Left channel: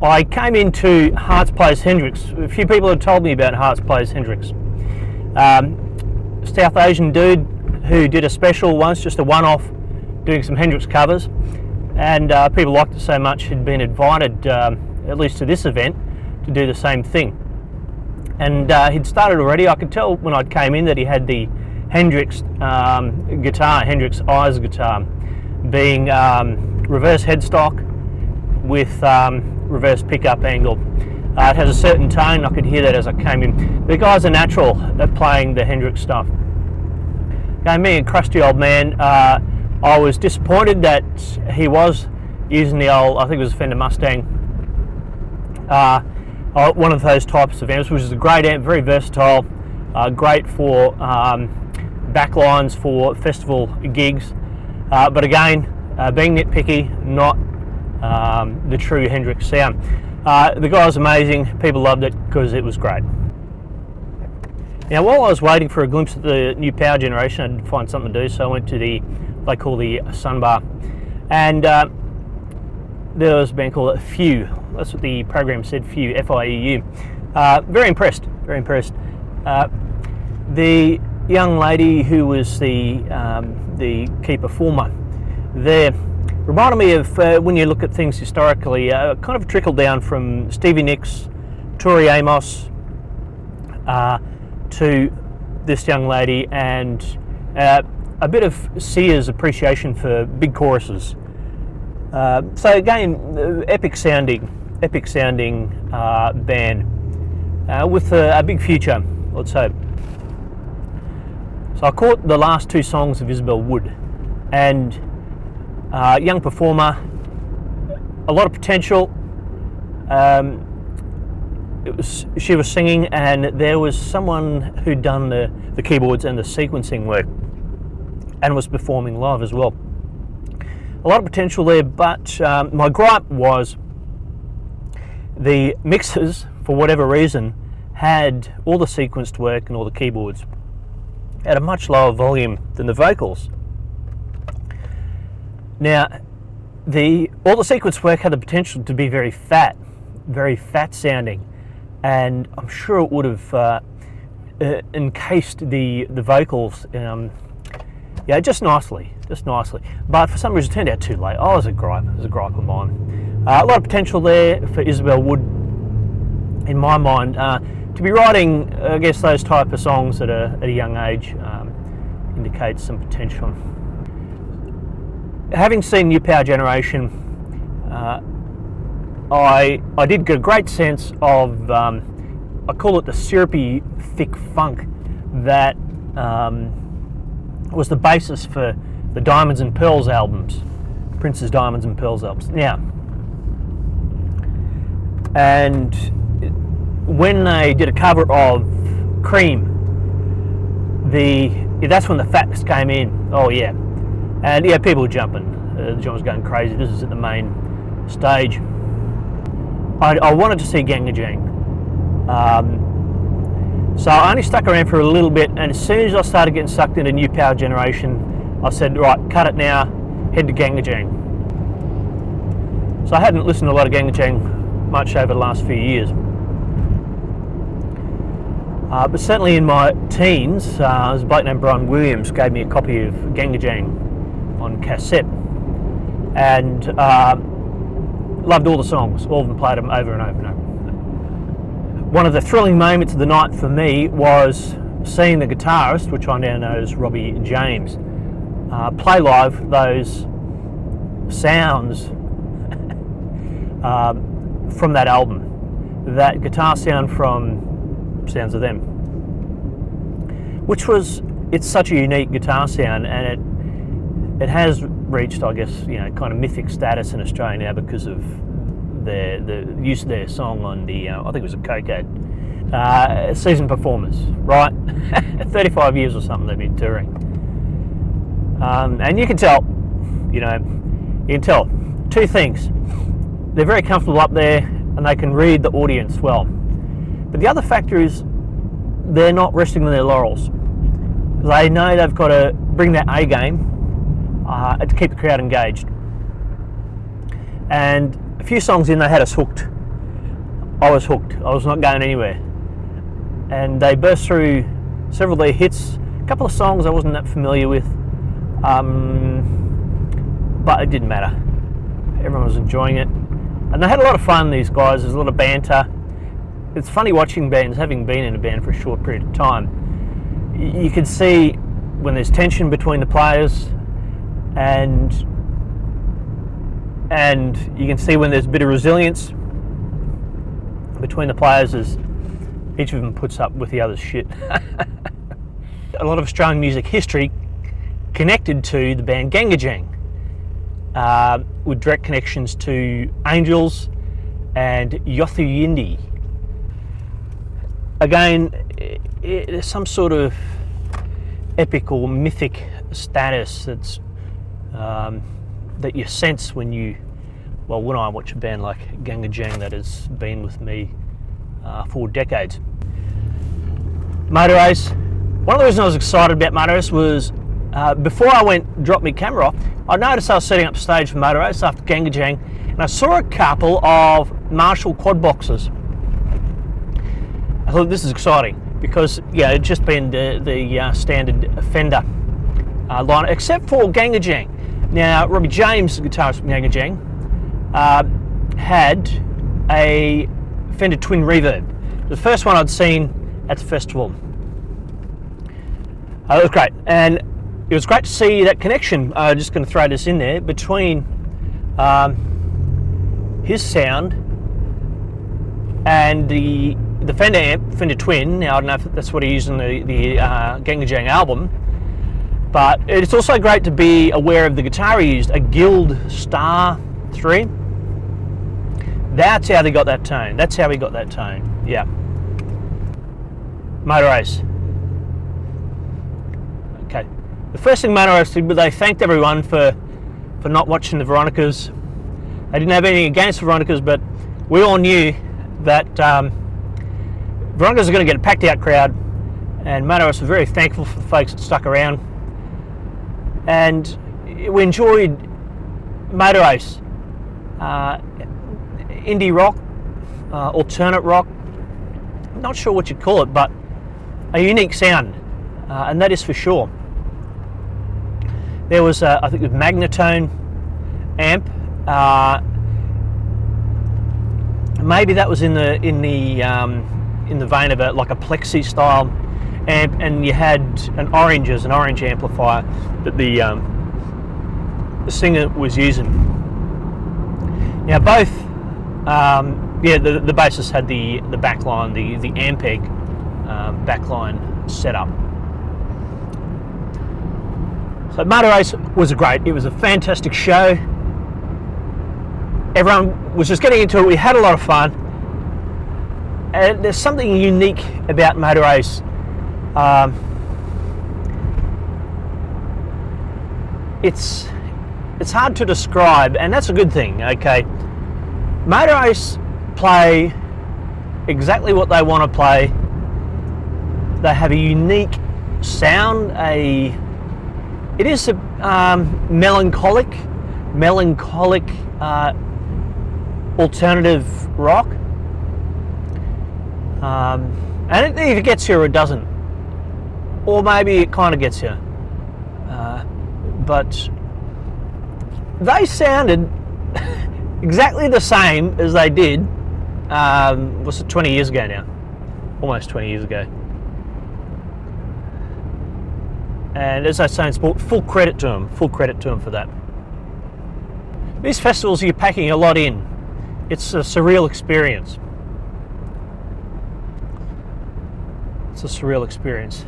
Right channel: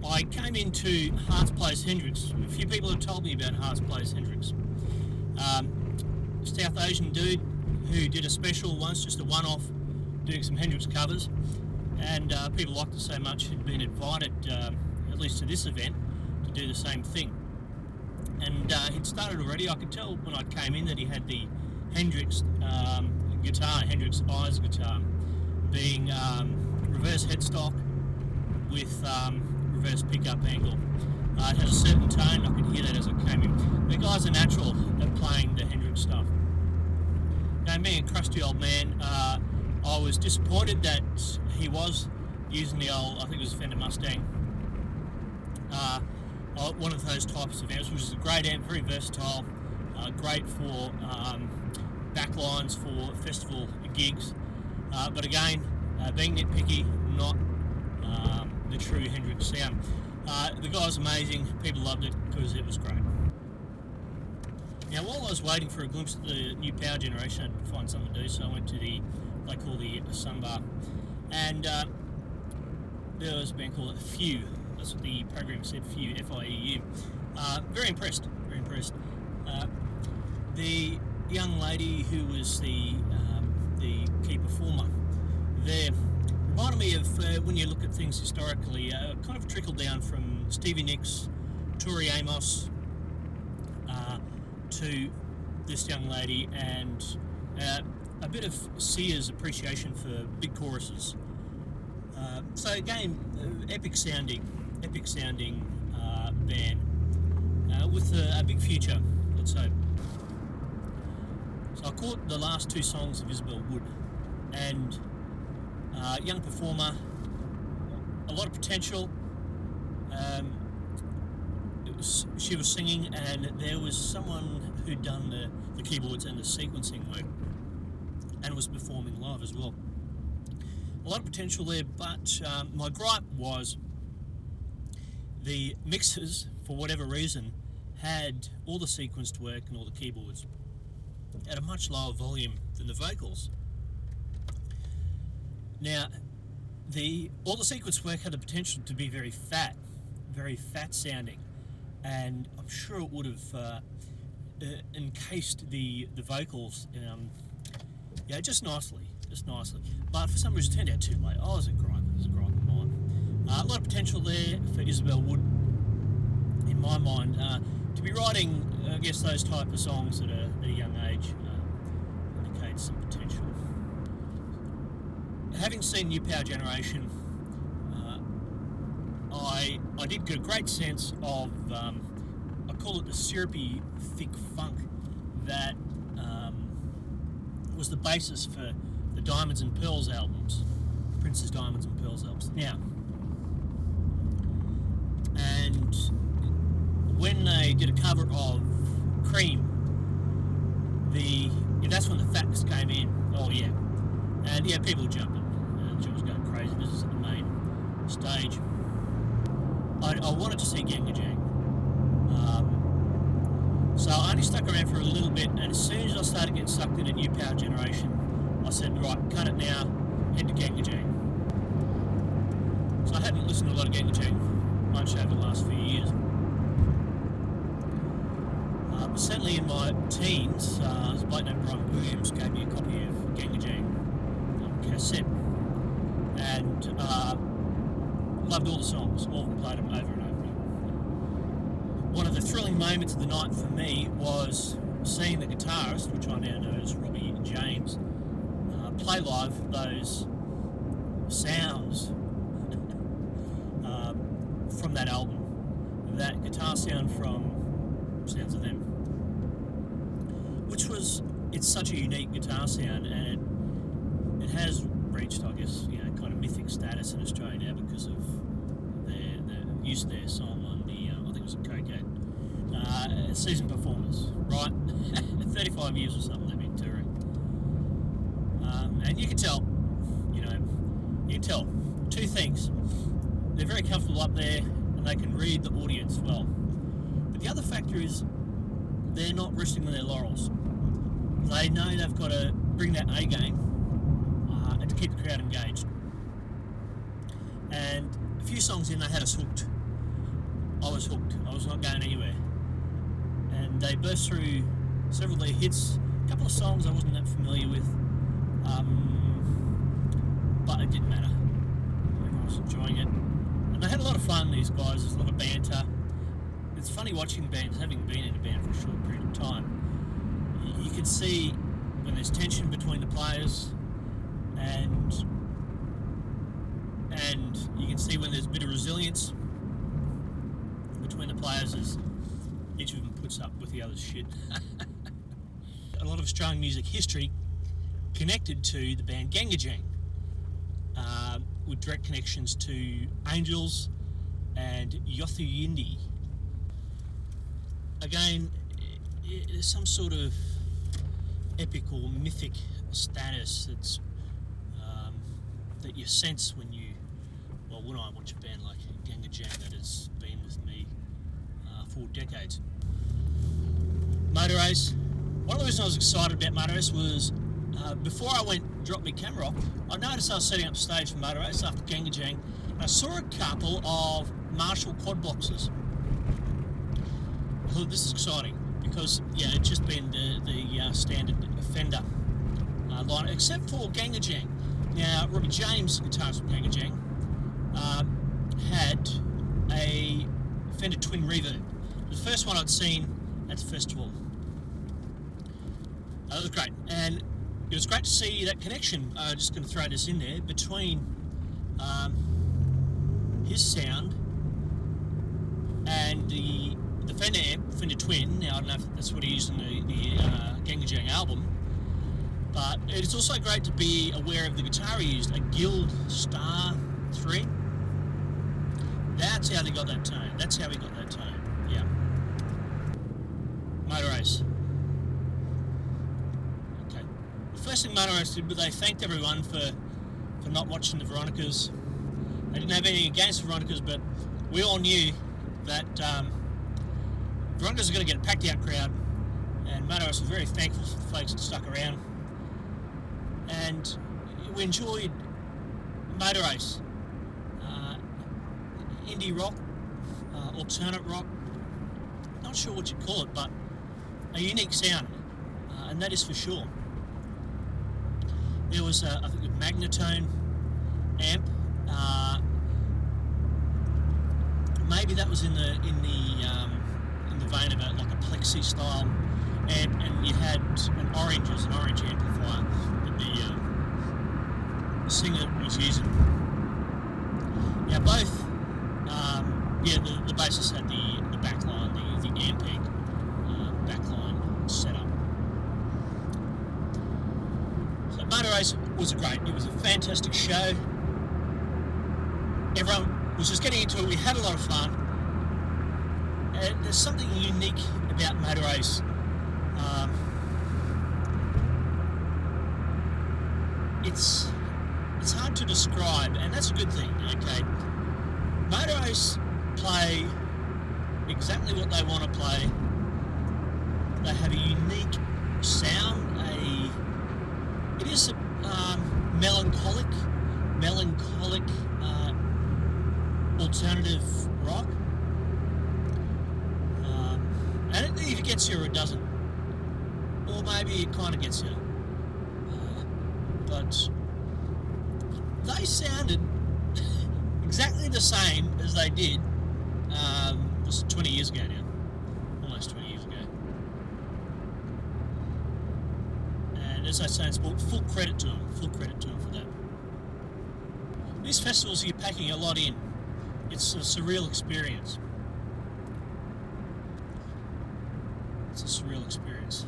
I came into Harts plays Hendrix. A few people have told me about Harts plays Hendrix. South Asian dude who did a special once, just a one-off, doing some Hendrix covers, and people liked it so much he'd been invited, at least to this event, to do the same thing. And he'd started already. I could tell when I came in that he had the Hendrix guitar, Hendrix Eyes guitar, being reverse headstock with reverse pickup angle. It has a certain tone. I could hear that as I came in. The guy's a natural at playing the Hendrix stuff. Okay, me, a crusty old man, I was disappointed that he was using the old, I think it was a Fender Mustang, one of those types of amps, which is a great amp, very versatile, great for backlines for festival gigs, but again, being nitpicky, not the true Hendrix sound. The guy was amazing. People loved it because it was great. Now, while I was waiting for a glimpse at the new power generation, I had to find something to do, so I went to they call the Sun Bar, and there was a band called Fieu. That's what the program said, Fieu, F-I-E-U. Very impressed, very impressed. The young lady who was the key performer there reminded me of, when you look at things historically, kind of a trickle down from Stevie Nicks, Tori Amos, to this young lady, and a bit of Sia's appreciation for big choruses. So again, epic sounding band with a big future, let's hope. So I caught the last two songs of Isobel Woods, and young performer, a lot of potential. She was singing, and there was someone who'd done the keyboards and the sequencing work and was performing live as well. A lot of potential there, but my gripe was the mixers, for whatever reason, had all the sequenced work and all the keyboards at a much lower volume than the vocals. Now, all the sequence work had the potential to be very fat sounding, and I'm sure it would have encased the vocals, just nicely. But for some reason, it turned out too late. Oh, it was a gripe of mine. A lot of potential there for Isobel Woods, in my mind, to be writing, I guess, those type of songs at a young age indicates some potential. Having seen New Power Generation, I did get a great sense of, I call it the syrupy, thick funk that was the basis for the Diamonds and Pearls albums, Prince's Diamonds and Pearls albums. Now, and when they did a cover of Cream, that's when the fatness came in. Oh yeah. And yeah, people were jumping. John was going crazy. This is at the main stage. I wanted to see Ganggajang. So I only stuck around for a little bit, and as soon as I started getting sucked into New Power Generation, I said, right, cut it now, head to Ganggajang. So I hadn't listened to a lot of Ganggajang much over the last few years. But certainly in my teens, there's a bloke named Brian Williams gave me a copy of Ganggajang on cassette, and loved all the songs. All of them, played them over and over and over. One of the thrilling moments of the night for me was seeing the guitarist, which I now know as Robbie James, play live those sounds from that album. That guitar sound from Sounds of Them, it's such a unique guitar sound, and it has reached, I guess, kind of mythic status in Australia now because of the use of their song on the, I think it was a Coke ad, Season Performers, right? 35 years or something they've been touring. And you can tell, two things. They're very comfortable up there, and they can read the audience well. But the other factor is they're not resting on their laurels. They know they've got to bring that A game to keep the crowd engaged. And a few songs in, they had us hooked I was hooked. I was not going anywhere. And they burst through several of their hits, a couple of songs I wasn't that familiar with, but it didn't matter. Everyone was enjoying it. And they had a lot of fun, these guys. There's a lot of banter. It's funny watching bands, having been in a band for a short period of time. You can see when there's tension between the players, and you can see when there's a bit of resilience between the players as each of them puts up with the other's shit. A lot of Australian music history connected to the band Ganggajang, with direct connections to Angels and Yothu Yindi. Again, there's some sort of epic or mythic status that's that you sense when I watch a band like Ganggajang that has been with me for decades. Motorace. One of the reasons I was excited about Motorace was before I dropped my camera off, I noticed I was setting up stage for Motorace after Ganggajang, and I saw a couple of Marshall quad boxes. I thought this is exciting because it'd just been the standard Fender line, except for Ganggajang. Now, Robbie James, the guitarist from Ganggajang, had a Fender Twin Reverb. The first one I'd seen at the festival. It was great, and it was great to see that connection. I'm just going to throw this in there between his sound and the Fender amp, Fender Twin. Now I don't know if that's what he used in the Ganggajang album, but it's also great to be aware of the guitar he used, a Guild Star 3. That's how they got that tone. That's how he got that tone. Yeah. Motorace. Okay. The first thing Motorace did was they thanked everyone for not watching the Veronicas. They didn't have anything against the Veronicas, but we all knew that Veronicas are going to get a packed out crowd, and Motorace was very thankful for the folks that stuck around. And we enjoyed Motorace. Indie rock, alternate rock, not sure what you'd call it, but a unique sound, and that is for sure. There was, I think, a Magnatone amp. Maybe that was in the vein of like a Plexi style amp, and you had an orange amplifier that the singer was using. Now both, the bassist had the backline, the Ampeg backline setup. So Motorace was it was a fantastic show. Everyone was just getting into it. We had a lot of fun. And there's something unique about Motorace. It's hard to describe, and that's a good thing, okay? Motorace play exactly what they want to play. They have a unique sound. It is a melancholic alternative rock, and it either gets you or it doesn't, or maybe it kind of gets you. But they sounded exactly the same as they did, was it 20 years ago now? Almost 20 years ago. And as I say in sport, full credit to them for that. These festivals, you're packing a lot in. It's a surreal experience. It's a surreal experience.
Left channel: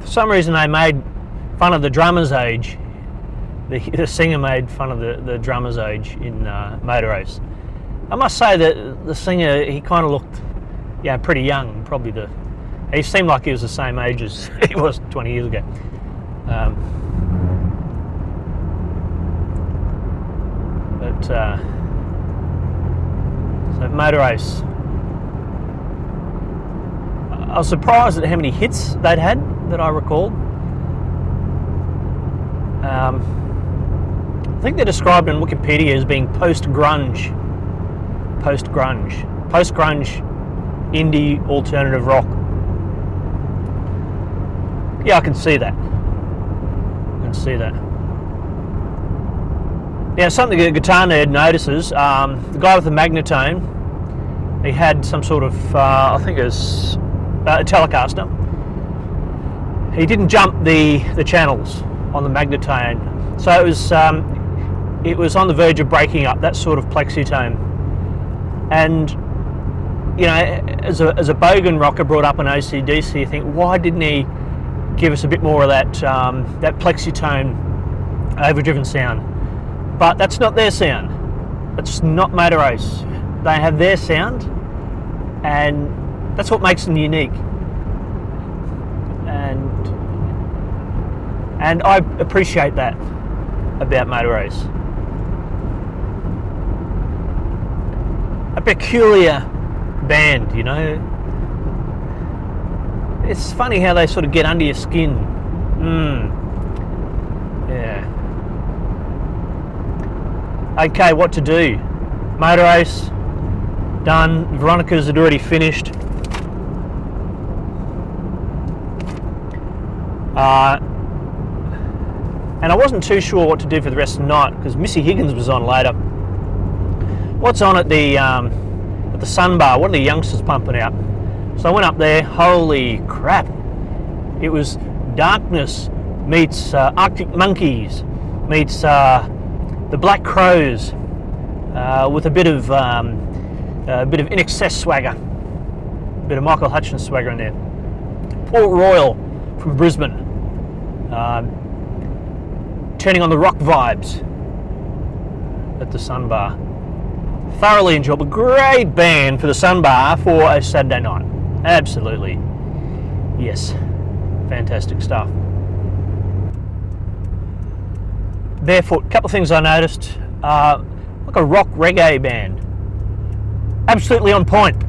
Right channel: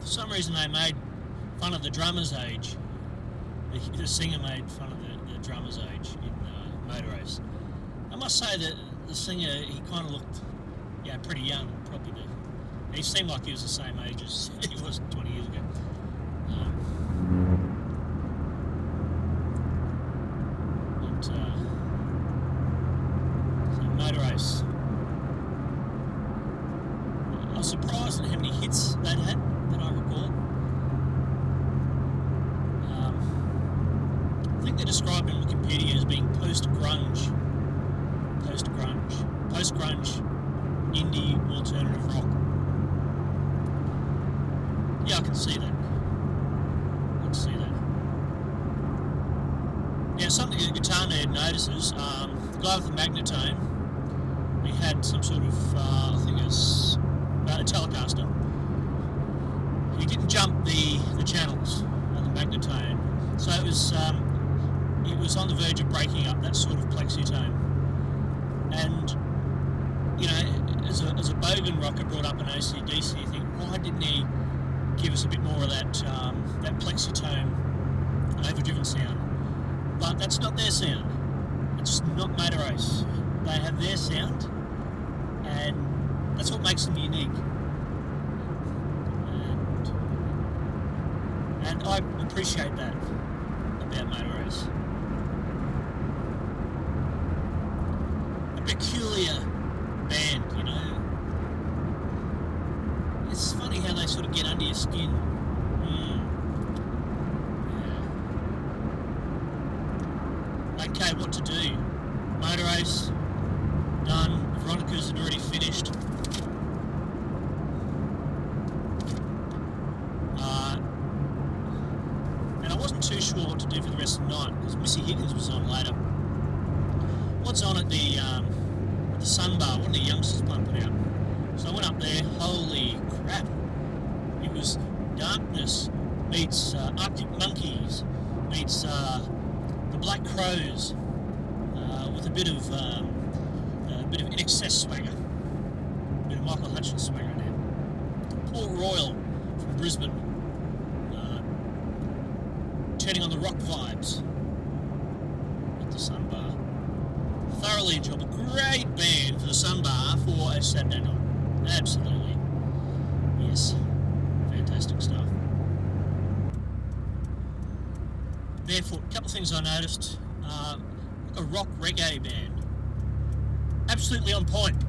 For some reason they made fun of the drummer's age. The singer made fun of the drummer's age in Motorace. I must say that the singer, he kind of looked pretty young. He seemed like he was the same age as he was 20 years ago. So Motorace. I was surprised at how many hits they'd had that I recalled. think they're described in Wikipedia as being post-grunge, indie alternative rock. Yeah, I can see that. Now, something a guitar nerd notices, the guy with the magnetone, he had some sort of, I think it was a Telecaster. He didn't jump the channels on the magnetone, so it was on the verge of breaking up, that sort of plexitone. And you know, as a bogan rocker brought up in AC/DC, you think, why didn't he give us a bit more of that that plexitone overdriven sound? But that's not their sound. It's not Motorace. They have their sound, and that's what makes them unique. And I appreciate that about Motorace. A peculiar band, you know. It's funny how they sort of get under your skin. Yeah. Okay, what to do? Motorace, done. Veronica's had already finished. And I wasn't too sure what to do for the rest of the night because Missy Higgins was on later. What's on at the Sun Bar? What are the youngsters pumping out? So I went up there. Holy crap! It was Darkness meets Arctic Monkeys meets the Black Crows with a bit of In Excess swagger, a bit of Michael Hutchins swagger in there. Port Royal from Brisbane, turning on the rock vibes at the Sun Bar. Thoroughly enjoyable, great band for the Sun Bar for a Saturday night. Absolutely, yes, fantastic stuff. Barefoot, couple of things I noticed, like a rock reggae band. Absolutely on point.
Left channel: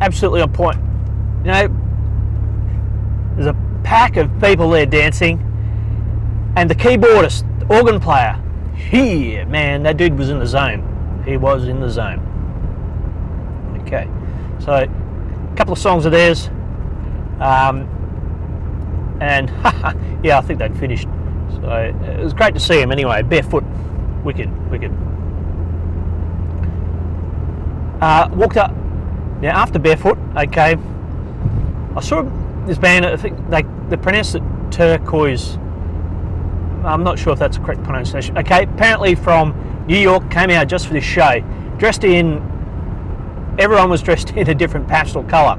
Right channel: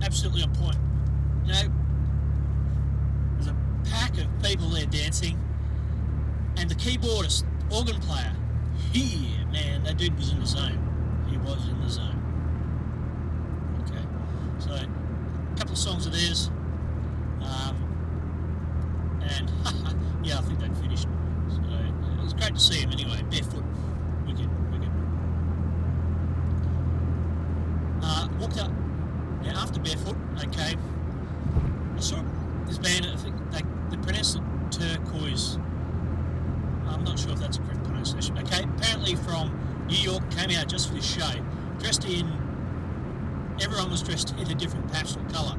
Absolutely on point. You know, there's a pack of people there dancing, and the keyboardist, the organ player, man, that dude was in the zone. He was in the zone. Okay, so a couple of songs of theirs, and yeah, I think they'd finished. So it was great to see him anyway. Barefoot, wicked. Walked up, yeah, after Barefoot, okay, I saw this band, I think they pronounced it Turkuaz. I'm not sure if that's a correct pronunciation. Okay, apparently from New York, came out just for this show. Everyone was dressed in a different pastel colour.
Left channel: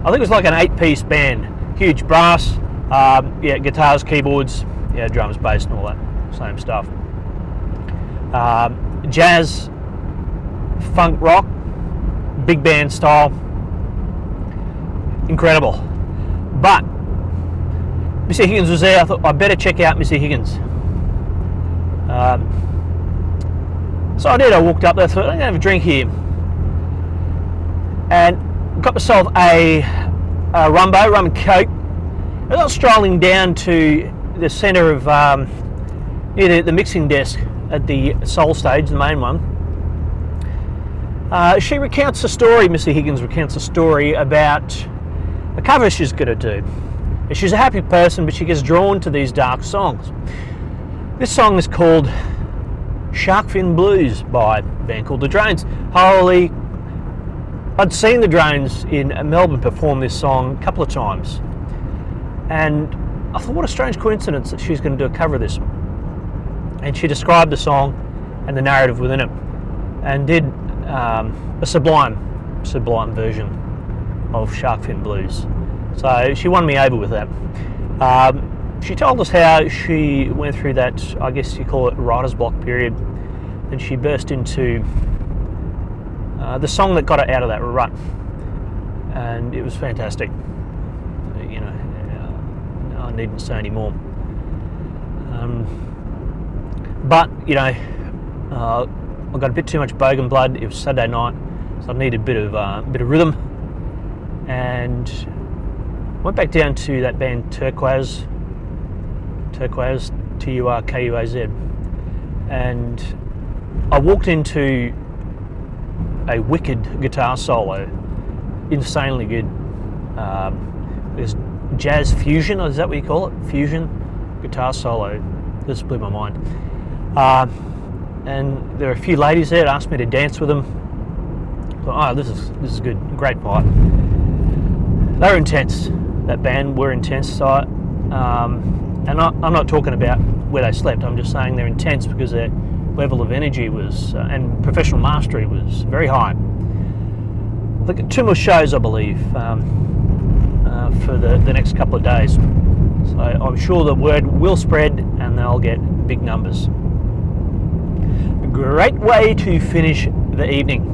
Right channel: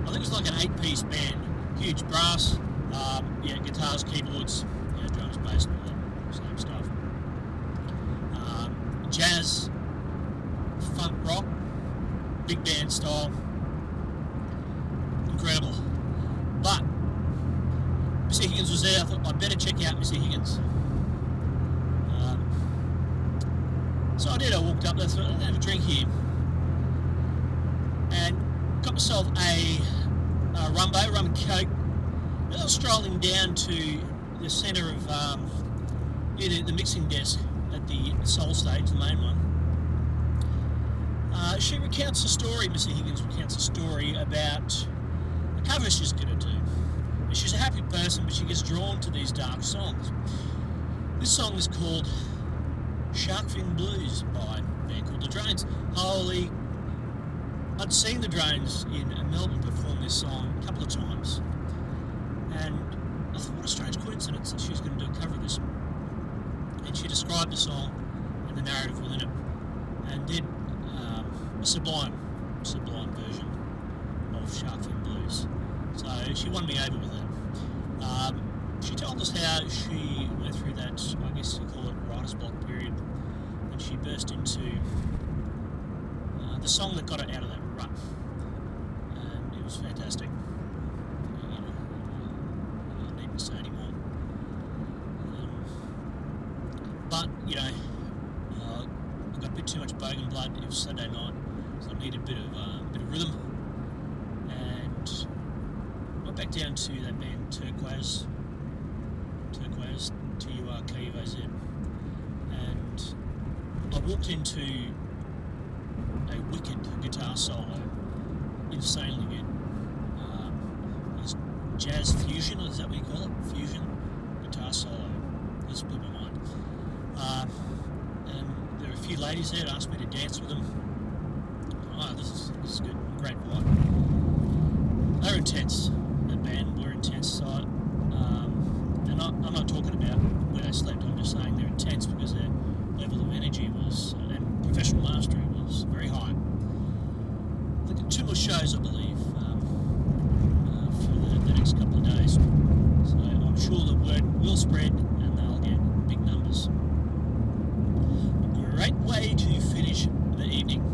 I think it was like an 8-piece band. Huge brass, yeah, guitars, keyboards, yeah, drums, bass and all that same stuff. Jazz, funk rock, big band style. Incredible. But Missy Higgins was there. I thought I better check out Missy Higgins. So I did. I walked up there. I thought I'm gonna have a drink here, and got myself a rum and coke. I was strolling down to the centre of near the mixing desk at the Soul stage, the main one. She recounts a story. Missy Higgins recounts a story about a cover she's going to do. She's a happy person, but she gets drawn to these dark songs. This song is called Shark Fin Blues by a band called The Drones. Holy, I'd seen The Drones in Melbourne perform this song a couple of times, and I thought, what a strange coincidence that she's going to do a cover of this. And she described the song and the narrative within it, and did a sublime version of Shark Fin Blues. So she won me over with that. She told us how she went through that, I guess you call it, writer's block period, and she burst into the song that got her out of that rut, and it was fantastic. You know, I needn't say any more. But you know, I got a bit too much bogan blood. It was Saturday night, so I needed a bit of rhythm, and went back down to that band Turkuaz, Turkuaz, and I walked into a wicked guitar solo, insanely good. There's jazz fusion, is that what you call it? Fusion guitar solo. This blew my mind. And there were a few ladies there that asked me to dance with them. So, oh, this is good, great vibe. They were intense. That band were intense. So, and I'm not talking about where they slept. I'm just saying they're intense because their level of energy was and professional mastery was very high. Look at 2 more shows, I believe, for the next couple of days. So I'm sure the word will spread and they'll get big numbers. A great way to finish the evening.